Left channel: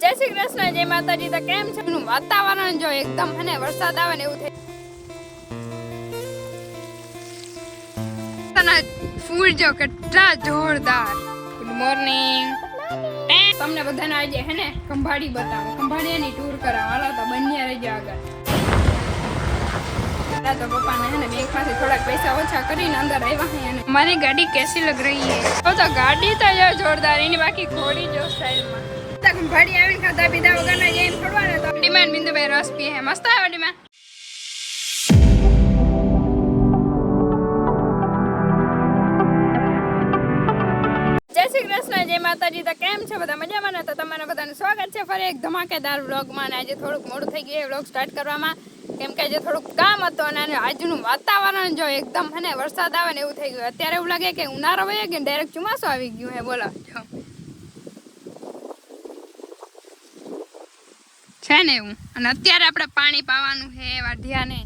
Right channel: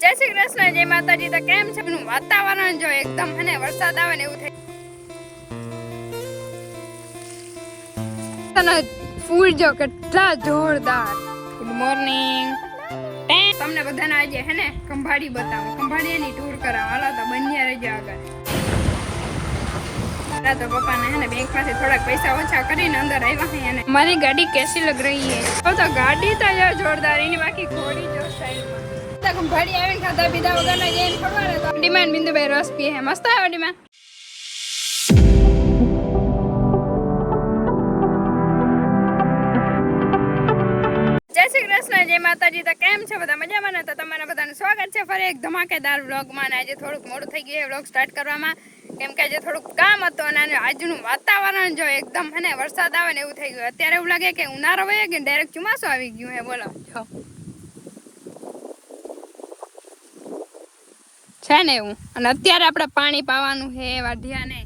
જય શ્રી કૃષ્ણ, જય માતાજી. તો કેમ છે વાતાવરણ? જો એકદમ હે ને વરસાદ આવે ને એવું થાય. ફૂલ જો કેટલા જોરદાર. Good morning. તમને બધાને આજે હે ને ખંભાળી બતાવો, ખંભાળીની ટૂર કરાવો. હાલો તો બન્યા રહેજો આગળ. તો પપ્પાને હે ને બેંક માંથી થોડાક પૈસા ઓછા કરીને અંદર આવ્યા હે. મારી ગાડી કેસી લગ રહી હે? તો ગાડી તો જો જોરદાર, એની બાકી ઘોડી જો સ્ટાઇલમાં. ખંભાળી આવીને ખાધા પીધા વગર ના જઈને થોડવા તો ડિમાન્ડ બિંદુભાઈ રસ પીએ હે. મસ્ત આવ્યો ડિમાન્ડ. જય શ્રી કૃષ્ણ, જય માતાજી. તો કેમ છે બધા? મજામાં ને? તો તમારે બધાનું સ્વાગત છે ફરી એક ધમાકેદાર વ્લોગમાં. આજે થોડુંક મોડું થઈ ગયું વ્લોગ સ્ટાર્ટ કરવામાં, કેમ કે આજે થોડુંક કામ હતું અને આજનું વાતાવરણ જો એકદમ હે ને વરસાદ આવે ને એવું થઈ ગયું. અત્યારે એવું લાગે કે ઉનાળો વહી ગયો, ડાયરેક્ટ ચોમાસું આવી ગયું હે. બોલો જો છે ને એવું. અને અત્યારે આપણે પાણી પાવાનું છે વાઢિયાને,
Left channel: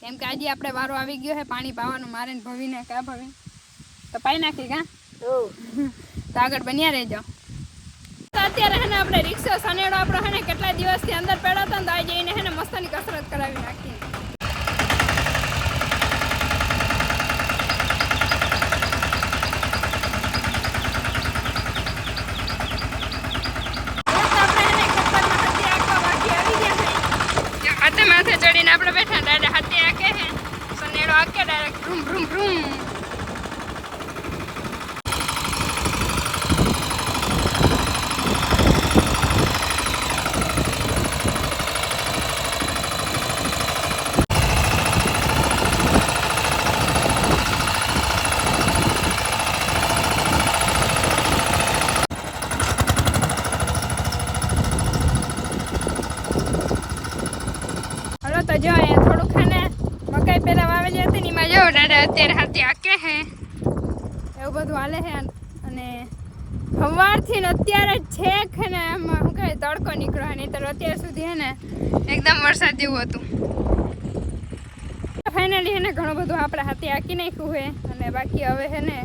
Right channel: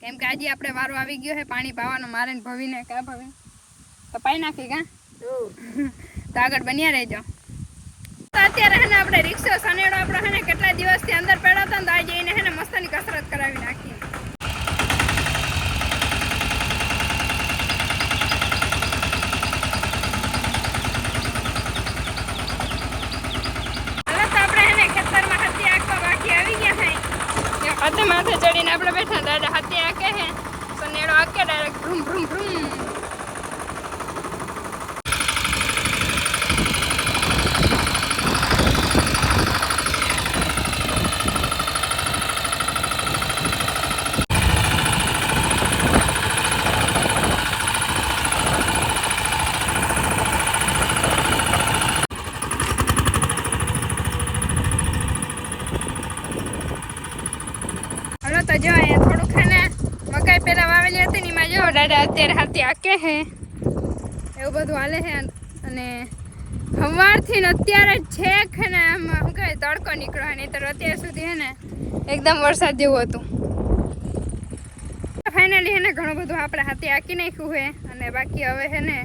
કેમ કે આજે આપણે વારો આવી ગયો છે પાણી પાવાનો. મારે ને ભવીને કા ભવી તો પાઈ નાખી કા તો આગળ બન્યા રહેજો. તો અત્યારે હે ને આપણે રિક્ષા સનેડો આપણો હે ને કેટલા દિવસથી અંદર પડ્યો હતો ને, તો આજે એને હે ને મસ્તની કસરત કરાવી નાખી. હાથે માથે ચડીને આપણે બેઠા, દાદા હાથે આકે હે સનેડો આકે ડાયરેક્ટ ભ્રુમ ભ્રુમ ભ્રુમ. તો જો અહીંયા થોડુંક ખાને મકાઈ પેલા વાવેલી હતી ને એમાં જો દાદા અત્યારે હાથી આકે હે, એવું બધું હાલે છે. અને સવારથી ને અત્યારે છેક હે ને એમાં શું કહે તડકો નીકળ્યો, નહીં તો અત્યાર સુધી હે ને એકદમ વરસાદ જેવું હતું. ફાઇનલી હે ને ઘણું બધું આપણે હાથી આકી નાખ્યું છે. અને બાકી હવે હે ને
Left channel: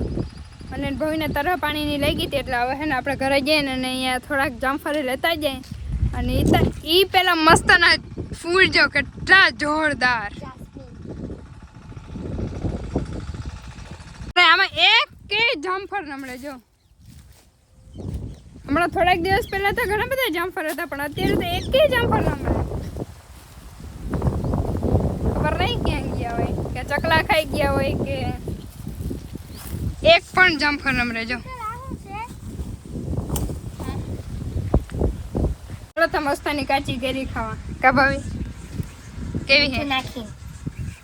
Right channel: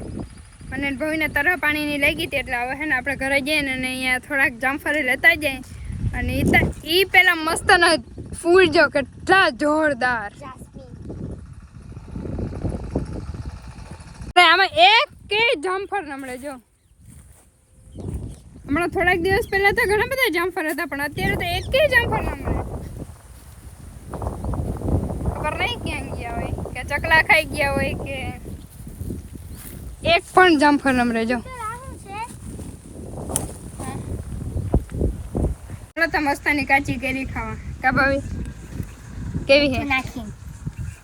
અને ભવીને તરફ પાણીની લઈ ગઈ હતી, એટલે હવે હે ને આપણે ઘરે જઈએ ને અહીંયા થોડાક જામફળી લેતા જાય. અને એ પેલા મસ્ત ના ફૂલ જો કેટલા જોરદાર. આમાં એક કે જામફળ નમળે જો. હમણાં થોડાક દિવસ પહેલા તો ઘણા બધા જામફળ હતા, પણ અત્યારે તો એક કે જામફળ નમળે. ખબર નહીં ક્યાં ગયા હોય, કે ચકલા ખાઈ ગયા હોય કે એક પણ જામફળ નમળે જો. તો મસ્તાની કાચી કેરી ખાવા કા ભાવી? કેવી હે?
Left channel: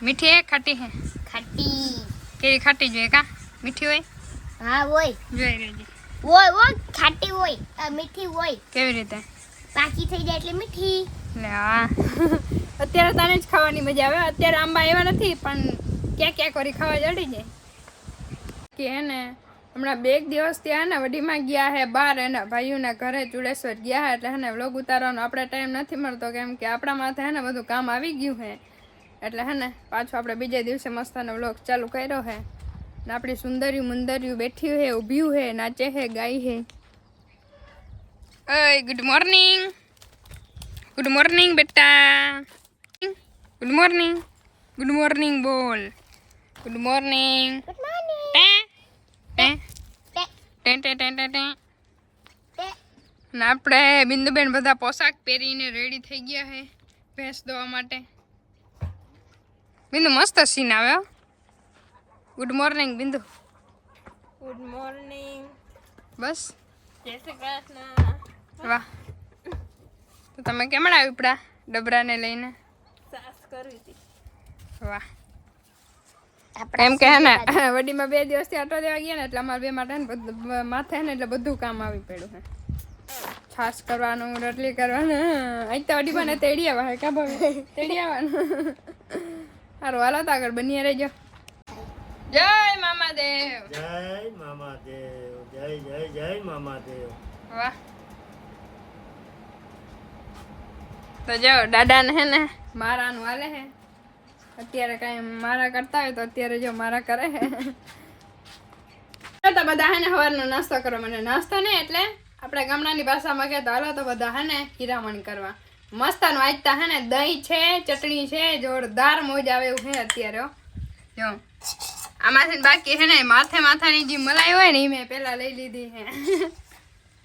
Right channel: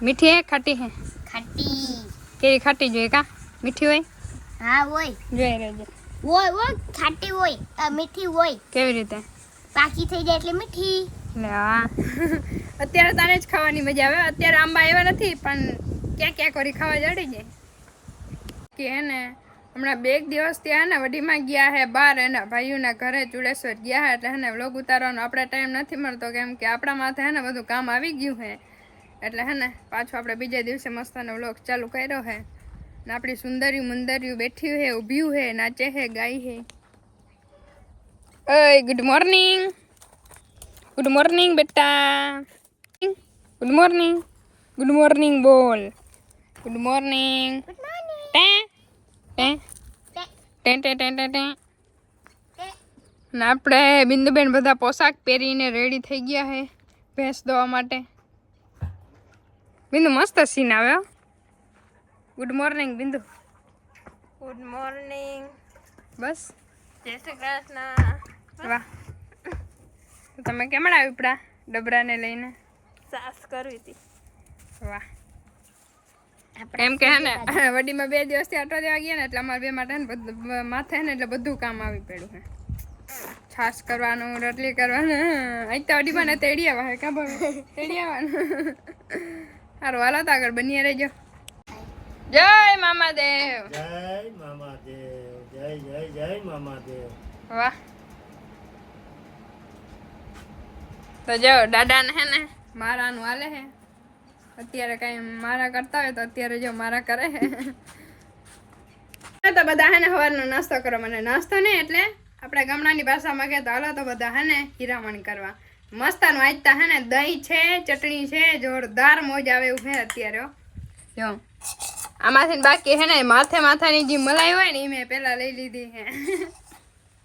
મીઠી હે ખાટી હે? ખાટી. કેરી ખાટી જોઈએ કા? મીઠી હોય? હા હોય. જોઈ રહેજે. હોય ખાટી હોય, મીઠી હોય. કેવી રીતે? પાકી થઈ જાય એટલે મીઠી. લે હા. અત્યારે તાને જ ખાવાની મજા આવે. અત્યારે આંબા એવા નથી, પણ ક્યાં ક્યાં કરી ખાવા જડી જાય કે હે ને. હમણાં 2 દિવસ ત્યાં ને વડીમાં ગયા હે બહાર, એના ભાઈઓના ઘરે ચુડેશ્વર ગયા હે. એટલે હે ને વ્લોગ ઉતારવાનો આપણે ટાઈમ નથી મળતો, કેમ કે આપણા માથે હે ને બધું કામ આવી ગયું હે. એટલે હે ને પાછું આપણે બીજા દિવસે મસ્તનો વ્લોગ ચાલુ કર્યો હે. ને આપણી સુંદર્યું મુંદર્યું બેઠ્યું હે, ઊભ્યું હે, નાચે હે, ગાય હે. ઓય ગુડ મોર્નિંગ. ગુડ મોર્નિંગ બેટા. Good morning. ગુડ મોર્નિંગ બોલ. Good morning. આપણે બિંદુબેન બધા પોશાક પહેરીને રેડી થઈ ગયા છે ભેંસ દોવા માટે. બિંદુ મસ્ત સીન આવે. Good morning Bindu. Good morning. બસ જય શ્રી કૃષ્ણ. વાહ. તો તમે કેમણા આવી પડા ડબરાને લઈને? સાસ કરવી હતી. વાહ. એમ કે હે ને વડીમાં 2 દિવસથી આટો દેવા ગયા ને, એટલે અમારે 2 માટે ને બધું માથે ને એટલે બધું કામ આવી પડ્યું છે. છાશ કરવાનું, રોટલી કરવાનું. અહીં તો વડીમાં ને તેડી આવવા હે કા ભાઈ? તેડી આવવાનું. સારું હાલો તો આગળ બની રહેજો. જય મામાદેવ. જય મામાદેવ. જય જય જય મામાદેવ. વાહ. તો જો દાદાને હે ને મારાનું હાલે હે. અત્યારે કઈ મારા કરતા હોય તો અત્યારે જો મારા કરે હે. તો બધા હે ને સવારનો નાસ્તો કરો. મને નાસ્તો નહીં એટલે આપણે ગામડાની ભાષામાં કહેતા હાલો તો બધા હે ને હીરામણ કરવા મસ્તાનું આજતા હે ને દહીં છે ચટણી છે જોરદાર મોજ આવે એવું છે અત્યારે હો. જો આમાંથી બાકી હે ને માથાની જે મલાઈ હોય ને એ મેં પેલા લઈ લીધી છે.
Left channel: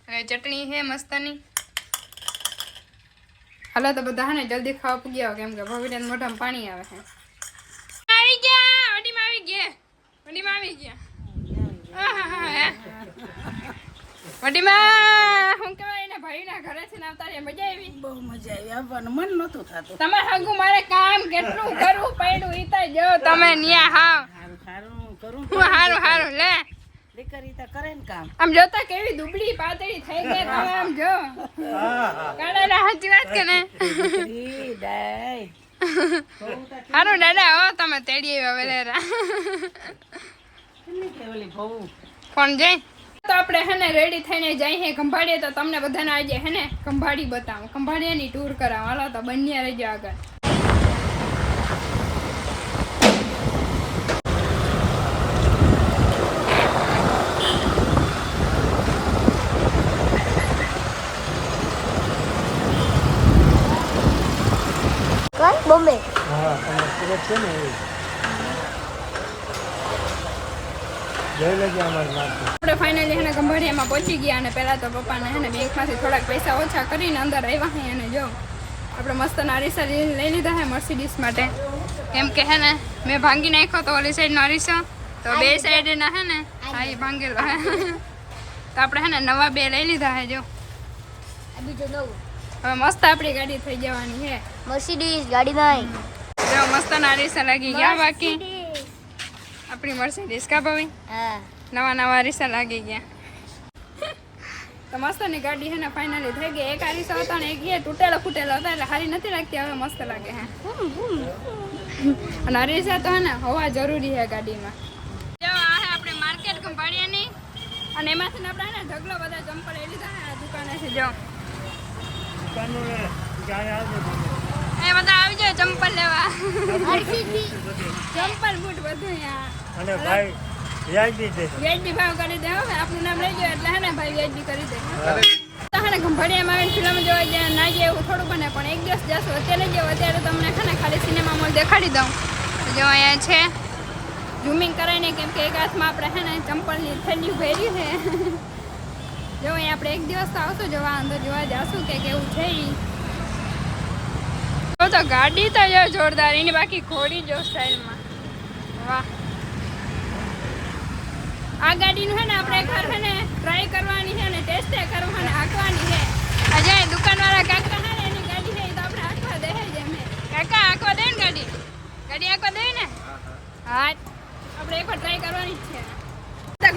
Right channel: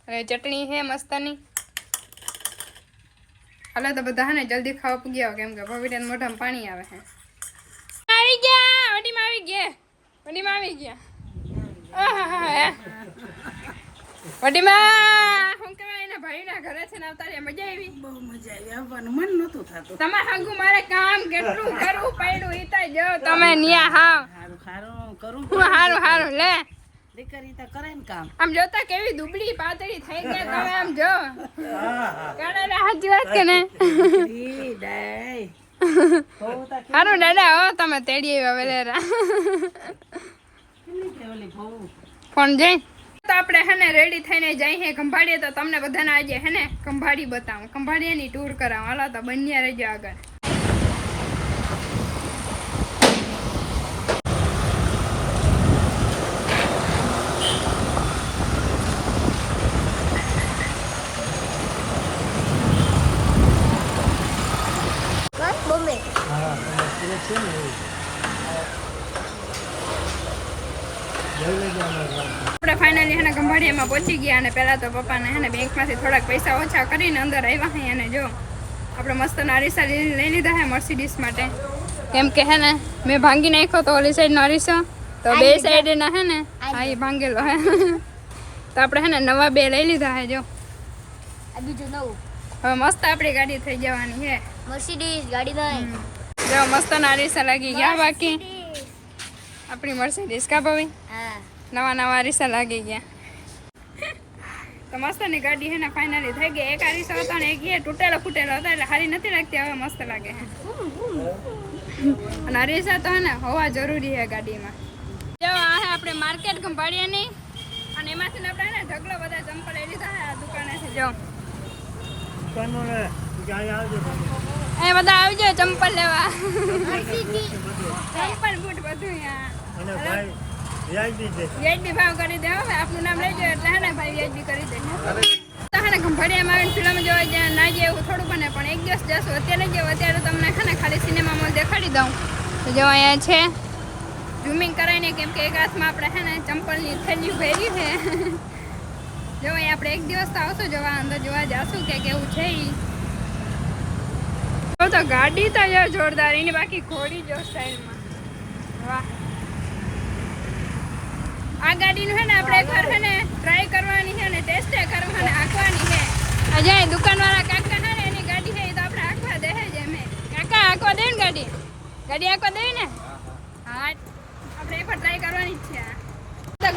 હવે ચટણી છે મસ્તાની. હાલો તો બધા હે ને જલ્દી ખાવા પૂગી આવો કેમ કે ભવિષ્ય મોઢામાં પાણી આવે છે. આવી ગયા વડીમાં આવી ગયા વડીમાં શું કહેવાય એના ભાઈના ઘરે છે ને આવતા રે મજા આવી. બહુ મજા આવી આવવાનું મન નહોતું થતું. તમારે હગું મારે કામ કેટલું કરવું પડ્યું ઈ તો જો તમે ન્યા હાવ હારું ખારું કરું હારું લે દીકરી તો કરે ને કામ. આમ જોતા કેવી દુબળી પાતળી થઈ ગઈ તમે આમ જો કાઢેલા સાચી વાત કે ને ઈ ડાય બહુ તો હારું દાદા હો તમે તેડી આવ્યા વેલેરા કેટલી કે ઓલી બહુ ફોન જઈ તો આપણે હે ને રેડી થઈને જઈએ હે ખંભાળીએ તો તમને બધાને આજે હે ને ખંભાળી બતાવું ખંભાળીની ટૂર કરાવ હાલો તો બન્યા રહેજો આગળ. બોમ્બે હા તમે સુરત છે ને એવું જઈ લેજો અમારી વાત. આપણે ફાઇનલી હે ને ખંભાળિયામાં પહોંચી ગયા અને પહેલાં તો પપ્પાને હે ને બેંકમાંથી થોડાક પૈસા ઓછા કરીને અંદર આવ્યા હે અને જો આપણે મસ્તના અરીસા લઈ લીધા હે મર્સિડીઝ માટે કેમ કે હે ને મેં ભાંગી નાખ્યો તો ઓલી સાઈડનો અરીસો તો બે સાઈડના હે ને હા એ ભાંગેલો હે તો આપણે હે ને નવા બે લઈ લીધા હે જો આ બીજું નવું હવે મસ્ત આપણી ગાડી થઈ જવાની છે. મર્સિડીઝ ગાડી નહીં જો મસ્તના અરીસા લાગી ગયા બાકી આપણી મર્સિડીઝ કા ભાવી હા નવા અરીસા લાગી ગયા તો મસ્તની ગાડી હે ને ફાઇનલી થઈ ગઈ. એક અરીસો હતો ને એક એ તૂટેલો ફૂટેલો હતો એટલે સારી નથી લાગતી હવે મસ્ત લાગે છે. અને અરીસા તો હે ને હોવા જરૂરી છે ગાડીમાં. જો આ હે આપણે માર્કેટ ખંભાળિયાની અને એમાંથી આપણે હે ને ઢગલો બધા ચંપલ લઈ લીધા હે આ દુકાનેથી જો દુકાનો ને ક્યાં આવજો તમે એ બધા આવી જાય ચંપલ લેવા હર્ષિતજી ચંપલ બૂટ બધું અહીંયા અને ભાઈ વ્યાજબી છે. વ્યાજબી ભાવ કરી દે હવે આપનું નામ લઈ જાય એટલે હે ને ભાઈ વ્યાજબી કરી દે. તો હે ને ખંભાળિયામાં આવીને ફિલ્મ જોવા ગયા ના ગયા એવું થોડું બને પણ એક દિવસ જશો અત્યારે જેવું અત્યારે તમને હે ને ખાલી સિનેમા મોલ દેખાડી દઉં તો જો અહીંયા છે ઝૂમિંગ કરાવીને કેમ કે એક હાથમાં આપણે હે ને ચંપલની થેલી ભરી છે જો અહીંયા આપણે એક દિવસ તો આવશું જોવા અંદર જોવા જાશું કે કેવું છે ઈ. તો ગાડી તો જો જોરદાર એની બાકી ઘોડી જો સ્ટાઇલમાં વાહ. આ ગાડીનું છે ને આપણે એકવાર છે ને ટ્રાય કરવાની છે ને ટેસ્ટ કરવાની હાંકવાની છે. અજય દુકાનવાળા કાકા છે ને એની ગાડી છે એ તો આપણે હાંકવા દે છે એમ કાકા હાંકવા દે ને ગાડી હાંકવા દે ને હા આપણે એકવાર ટ્રાય કરવાની જ છે.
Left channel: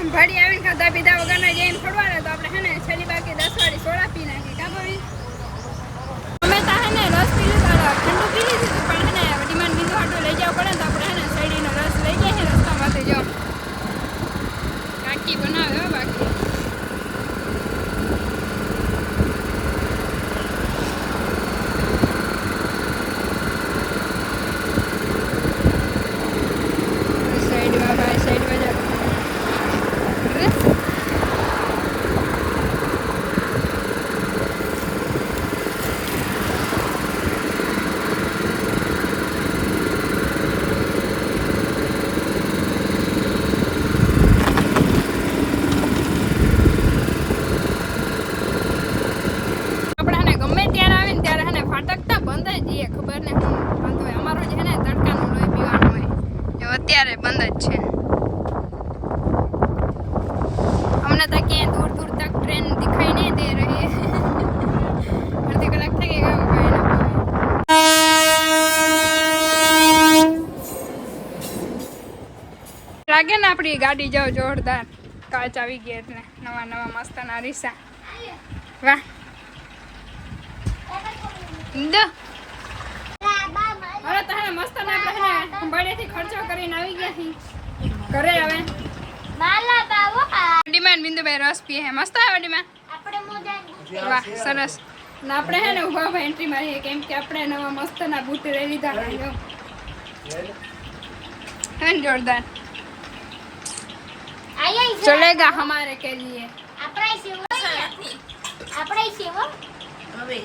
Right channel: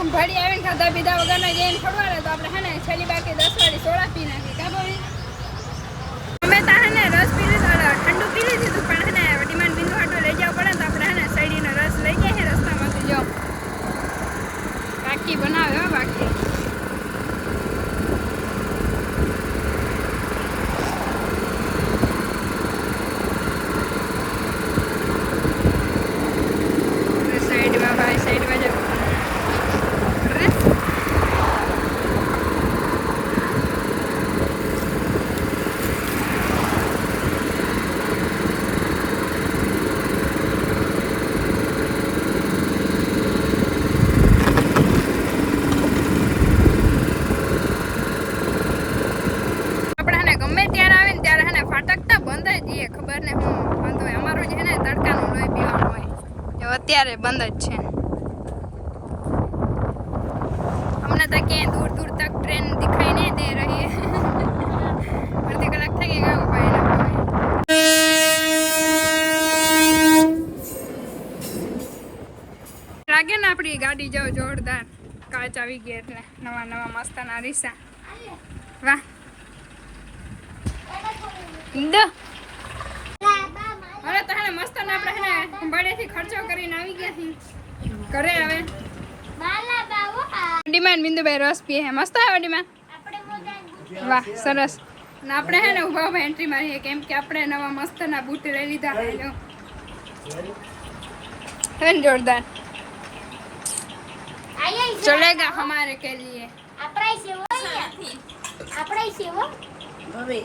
ખંભાળી આવીને ખાધા પીધા વગરના જઈને છોડવા તો આપણે છે ને છેલ્લી બાકી 10 વાળી સોડા પી નાખી કા ભાઈ અમે તો હે ને રસ પી લીધો ઠંડુ પી લીધું પણ હે ને ડિમાન્ડ બિંદુ હાટો લઈ જવા પડે તો આપણે હે ને શેરડીનો રસ લઈ જાય છે રસ્તામાંથી જો કાકી બનાવે હો બાકી સાઈડમાં ભાઈ સાઈડમાં જાઓ ખબર ને હું વાંધો હોય અમારો જે છે ને તડકાનો લોહી પીવાનો હોય જો અત્યારે બંધ જ છે. અમને તો ક્યાંય દૂર દૂર તક ટ્રેન દિખાઈ નહીં દે રહી અડધી કલાક થઈ ગઈ કામ લાગે ને આપણી ગાડી જાવ જોરદાર કાચ આવી ગઈ એટલે નવા મસ્તના અરીસા વાહ દો હવે તો હે મસ્ત ને આપણે હે ને ખંભાળીથી ખર્ચો કરીને આવી ગયા છીએ ઘરે હવે ડિમાન્ડ બિંદુભાઈ રસ પીએ હે મસ્ત આવે ડિમાન્ડ વાહ સરસ ને આપણે હે ને ઉભા ઉભા એન્ટ્રી મારીએ કેમ કે આપણે નવા મસ્તના બૂટ લઈ લીધા હે જો હે ને જોરદાર चलेगा हमारे के लिए આપણે છીએ હો હવે